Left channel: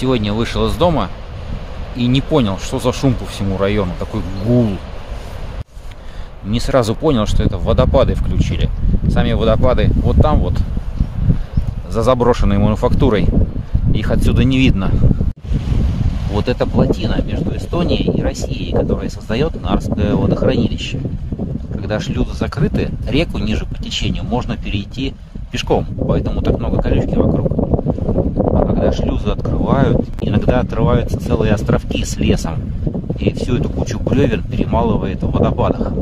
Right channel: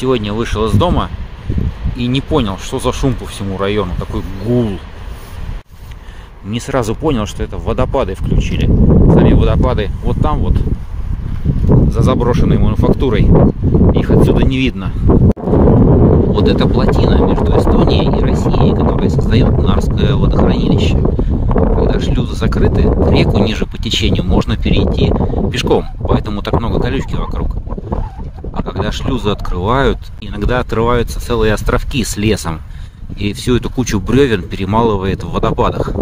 Сегодня вышел из дома и не понял, что за шум по всему району. Такой гул. Не сразу понял, что это водопады включили. Сами водопады вот там вот, за заброшенной мануфактурой. Их отсюда не видно. Вот эта плотина между Эстонией и Россией, которая создает Нарвское водохранилище. Когда шлюзы закрыты, реку ниже по течению можно перейти пешком, поэтому так много колючки вокруг. А когда шлюзы открывают, иногда отрываются целые островки с лесом, и всю эту кучу бревен перемалывает в водопадах.